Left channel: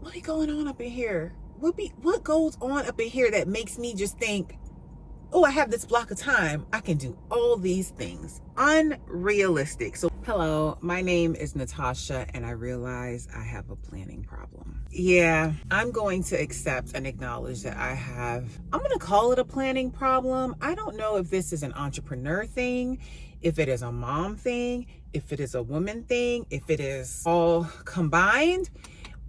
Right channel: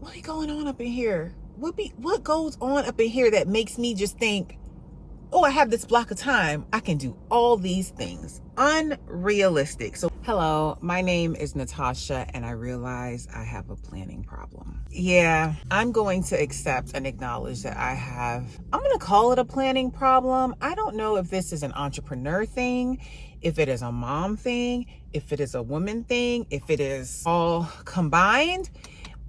what be going on up in here? What goes on up in here that makes me just think, oh, I have this block of time, I can do all these things? Unrealistic. So hello, my name is Natasha, and I realize I have a planning problem. Yeah, I'm going to accept and acknowledge that I'm going to call it a planning problem. I don't know if this is an entrepreneur thing, if it is a mom thing, if it is a woman thing, if it is all combined.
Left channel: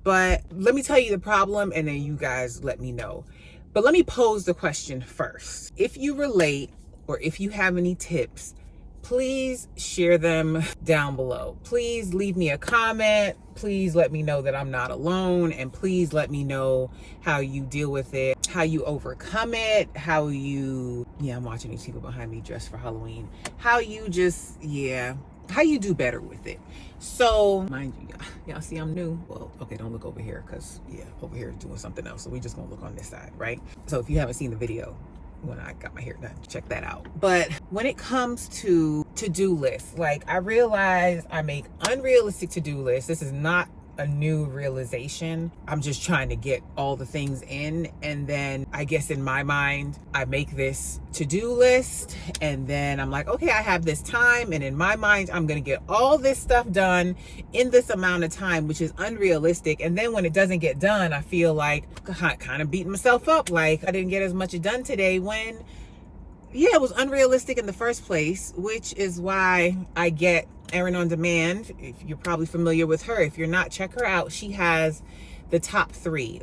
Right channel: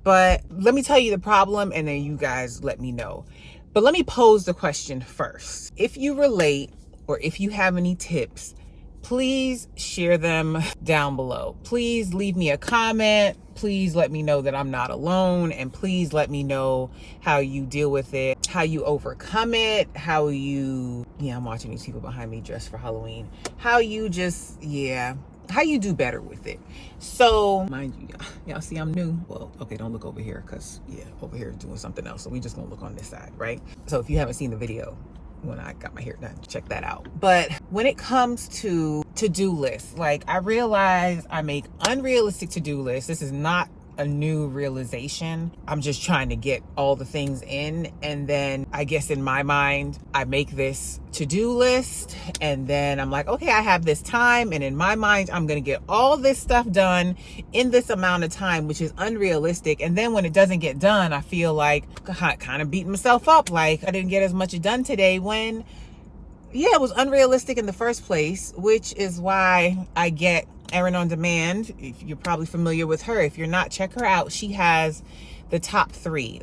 But let me tell you the problem, and then you guys let me know. But let me pose the question first. If you relate, or if you have any tips, please share them down below. Please leave me a comment. Please let me know that I'm not alone. And please let me know how you deal with it, how you overcome it, I'm watching these people behind me dressed for Halloween. How you do better with it. So, mind you, y'all see I'm new. Well, okay, don't look over here, because over here is doing something else. So we just gonna look on this side, right? So if you haven't seen the video when I got my hair done, check that out. But when it comes to to-do lists, like, I realize I make unrealistic to-do lists. This is not a new realization. I'm just trying to get all the things in, and then I guess in my mind I make this to-do list, and then I'm like, okay, I have this time, and in my mind I'm gonna get all this stuff done in this amount of time, which is unrealistic. And then when it doesn't get done, I feel like kind of beating myself up, like I didn't get as much done today, when it was unrealistic in the first place, which is why I get Erin on Demand. If you're probably familiar with her. If you're not, check her out. She has the top 3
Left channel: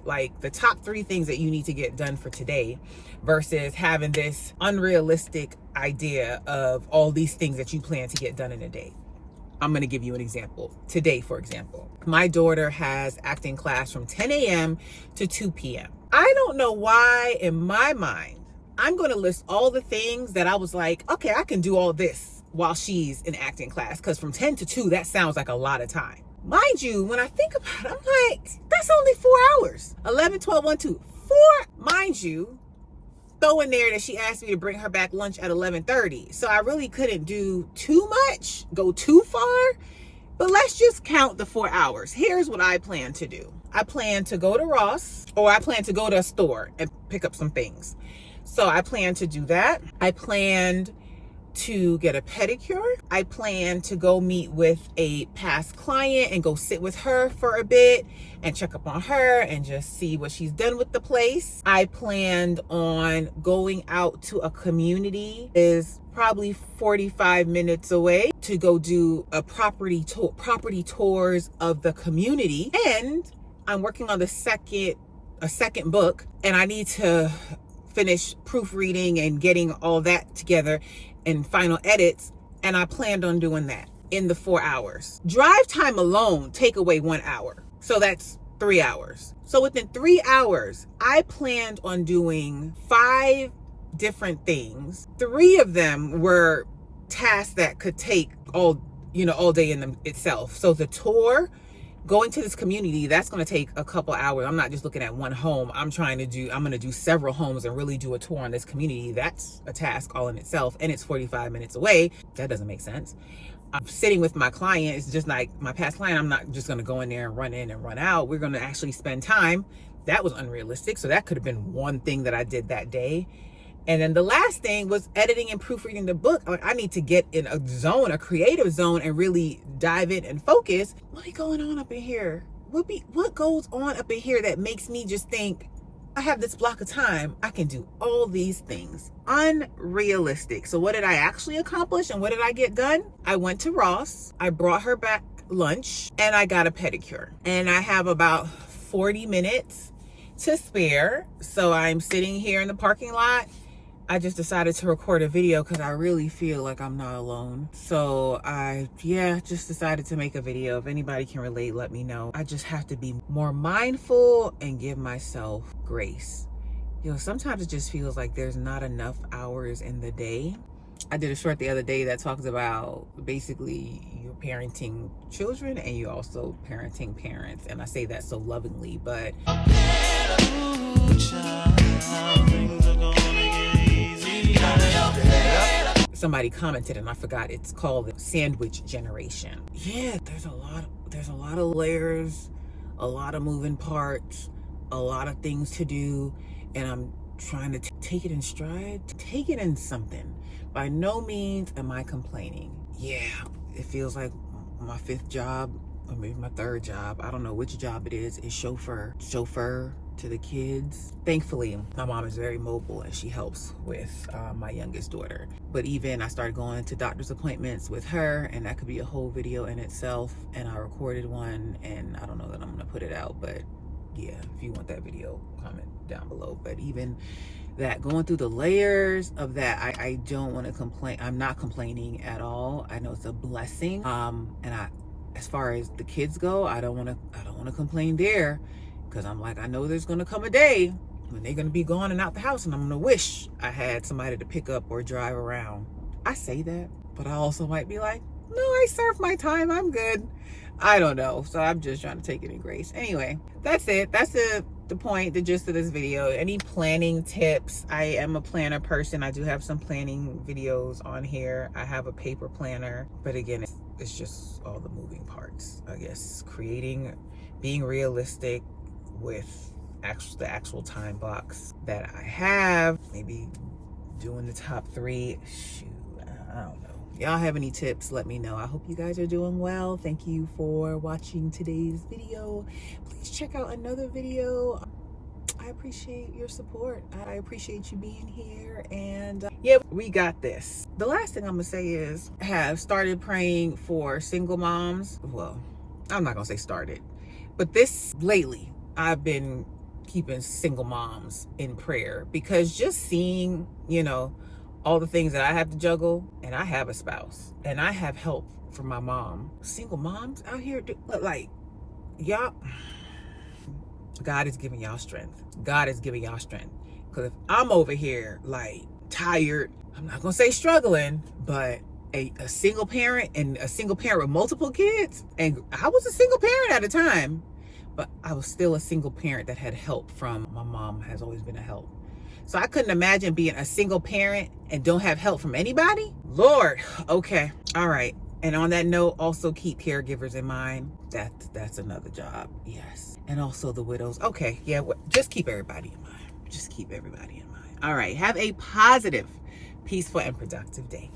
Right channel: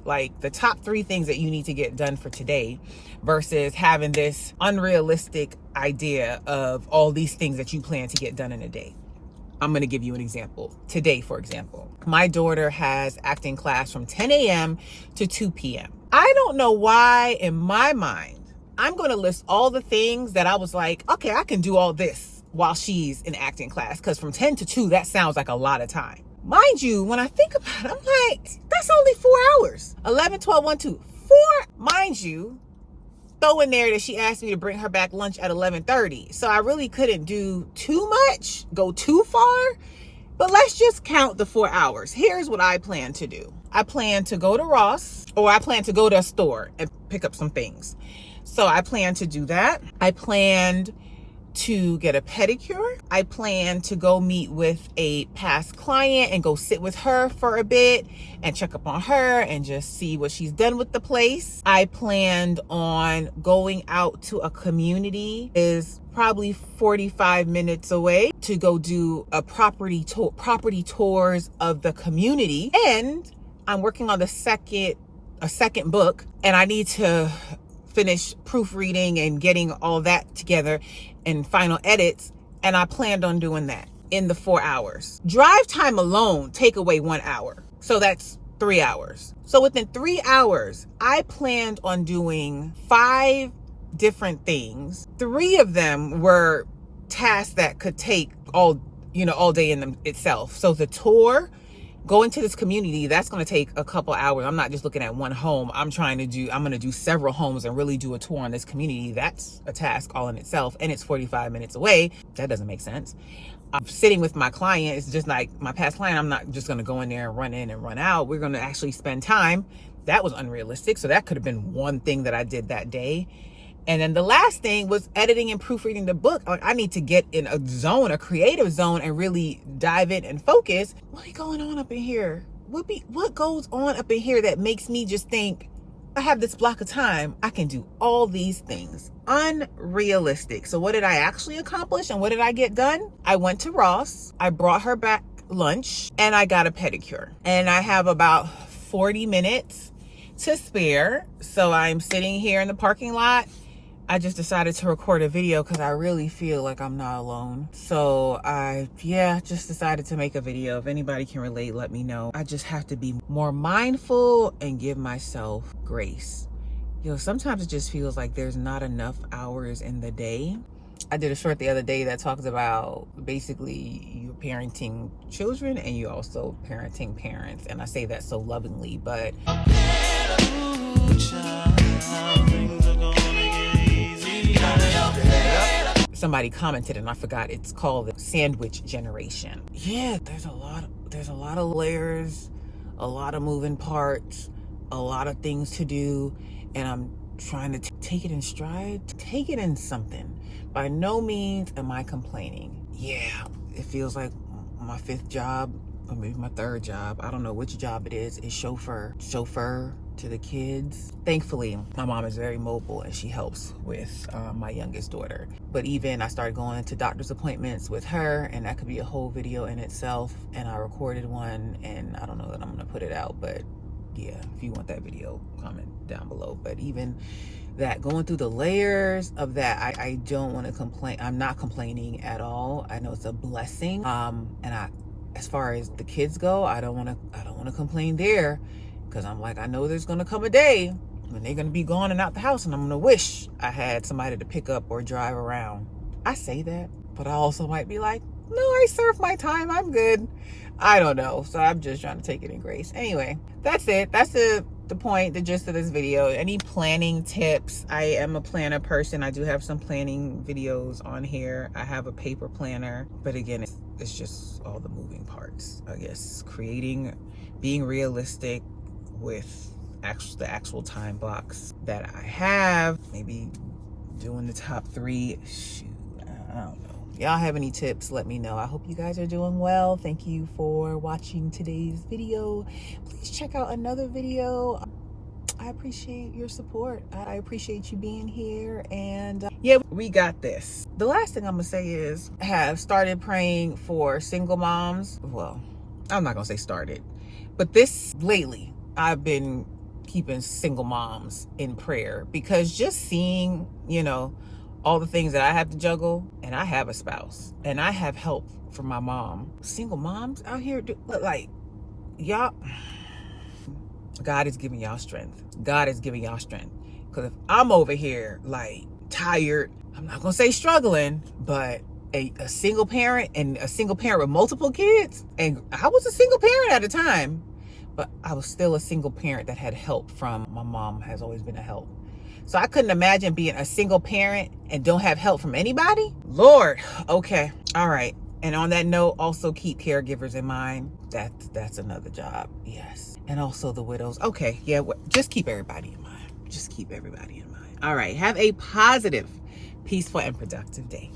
things that you need to get done for today, versus having this unrealistic idea of all these things that you plan to get done in a day. I'm going to give you an example. Today, for example, my daughter has acting class from 10 a.m. to 2 p.m. I don't know why in my mind I'm going to list all the things that I was like, okay, I can do all this while she's in acting class, because from 10 to 2, that sounds like a lot of time. Mind you, when I think about it, I'm like, that's only 4 hours. 11, 12, 1, 2, 4. Mind you, throw in there that she asked me to bring her back lunch at 11:30. So I really couldn't do too much, go too far. But let's just count the 4 hours. Here's what I plan to do. I plan to go to Ross, or I plan to go to a store and pick up some things. So I plan to do that. I planned to get a pedicure. I plan to go meet with a past client and go sit with her for a bit and check up on her and just see what she's done with the place. I planned on going out to a community, is probably 45 minutes away, to go do a property tours of the community. And I'm working on a second book, and I need to finish proofreading and getting all that together and final edits, and I planned on doing that in the 4 hours. Drive time alone take away 1 hour, so that's 3 hours. So within 3 hours, I planned on doing 5 different things. 3 of them were tasks that could take all day in them itself. So the tour, going to this community, that's going to take a couple hours. I'm not just looking at one home. I'm going to do several homes and really do a tour on this community. That's a task all in itself, and it's 45 minutes away. That doesn't make sense. I'm sitting with my client. It's just like my past client. I'm not just going to go in there and run in and run out. We're going to actually spend time. That was unrealistic. So that could have been one thing that I did that day. And then the last thing was editing and proofreading the book. Like, I need to get in a creative zone, and really dive in and focus. What be going on up in here? What goes on up in here that makes me just think, I have this block of time, I can do all these things? Unrealistic. So what did I actually accomplish, and what did I get done? I went to Ross, I brought her back lunch, and I got a pedicure. And I have about 40 minutes to spare. So I'm sitting here in the parking lot. I just decided to record a video because I really feel like I'm not alone. So I just decided to make a video. If anybody can relate, let me know. I just have to be more mindful and give myself grace. Sometimes it just feels like there's not enough hours in the day. I did a short the other day that talks about basically you parenting children, and you also parenting parents. And I say that so lovingly, but somebody commented, and I forgot, it's called the sandwich generation. Yeah, there's a lot of layers a lot of moving parts, a lot of things to do, and I'm trying to take it in stride, take it in something. By no means am I complaining. Yeah, it feels like my 5th job, or maybe my 3rd job. I don't know which job it is chauffeur to the kids. Thankfully, my mom is very mobile and she helps with my youngest daughter. But even I started going to doctor's appointments with her, and that could be a whole video in itself. And I recorded one, and I don't know that I'm gonna put it out, but yeah, if you want that video, comment down below. But even that, going through the layers of that, I don't want to complain. I'm not complaining at all. I know it's a blessing. And as far as the kids go, I don't want to complain there, because I'm like, I know there's going to come a day when they're going to be gone and out the house, and I'm going to wish I had somebody to pick up or drive around. I say that, but I also might be like, no, I served my time, I'm good. I don't know. So I'm just trying to take it in grace. Anyway, that's it. That's the point, the gist of this video. Any planning tips? I am a planner person. I do have some planning videos on here. I have a paper planner, but again, it's just all the moving parts. I guess being realistic with the actual time blocks that I have. Maybe doing the top 3. Shoot, I don't know. Y'all have any tips, let me know. I hope you guys are doing well. Thank you for watching today's video. Please check out another video. I appreciate your support. I appreciate you being here. And yeah, we got this. The last thing I'm gonna say is, I have started praying for single moms. Well, I'm not gonna say started, but lately I've been keeping single moms in prayer, because just seeing, all the things that I have to juggle, and I have a spouse, and I have help from my mom. Single moms out here, like, y'all, God is giving y'all strength. God is giving y'all strength. Because if I'm over here, like, tired, I'm not going to say struggling, but a single parent, and a single parent with multiple kids, and I was a single parent at a time, but I was still a single parent that had help from my mom. Has always been a help. So I couldn't imagine being a single parent and don't have help from anybody. Lord, okay, all right. And on that note, also keep caregivers in mind. That's another job, yes. And also the widows. Okay, yeah, just keep everybody in mind. Just keep everybody in mind. All right, have a positive, peaceful, and productive day.